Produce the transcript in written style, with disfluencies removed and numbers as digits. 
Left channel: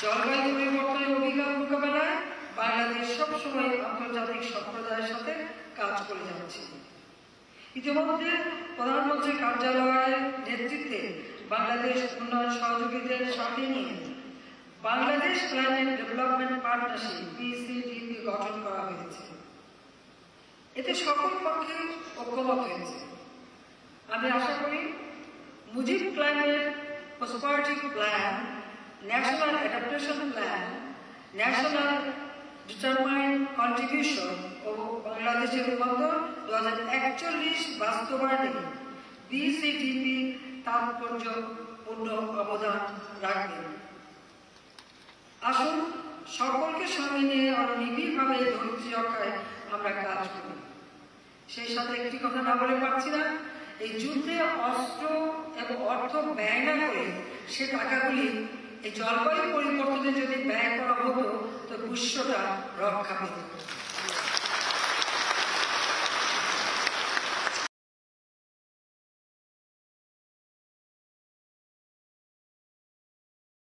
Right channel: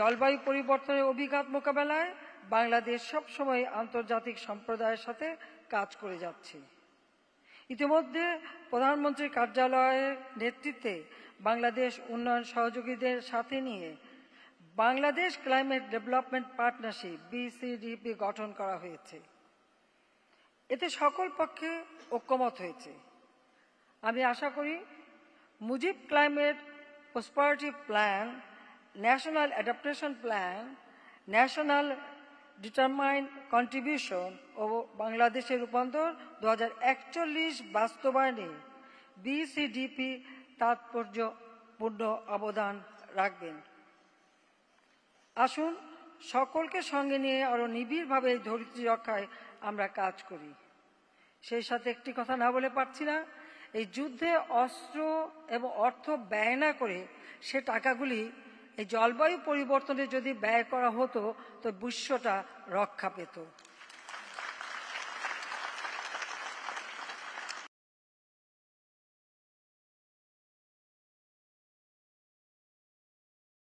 জলবায়ু পরিবর্তনের অভিঘাত মোকাবেলায় বাংলাদেশ সবসময় আন্তর্জাতিক সম্প্রদায়ের সাথে কাজ করে যাচ্ছে। ইতিমধ্যে প্রধানমন্ত্রী কার্যালয়ের নেতৃত্বে বাংলাদেশ উন্নয়ন সহযোগীদের সাথে নিয়ে Bangladesh climate development partnership BCDP গঠন করা হয়েছে। এতে সকল পক্ষে ঐক্যমত হয়েছে। আমি আশা করি Mujib climate prosperity plan, national adaptation plan, national determined contribution ও বাংলাদেশের মতো 2041 বাস্তবায়নে BCDP তাৎপর্যপূর্ণ অবদান রাখবে। আসুন সকলকে সঙ্গে নিয়ে আরো নিবিড়ভাবে ধৈর্য রক্ষায় আমরা কাজ করি। সেই সাথে একটি কথা না বলে পারছি না, এই যুদ্ধে অস্ত্র এবং অর্থ ব্যয় না করে সে টাকাগুলি এই জলবায়ু পরিবর্তনে যদি ব্যয় করা হতো তো বিশ্বটা রক্ষা পেত।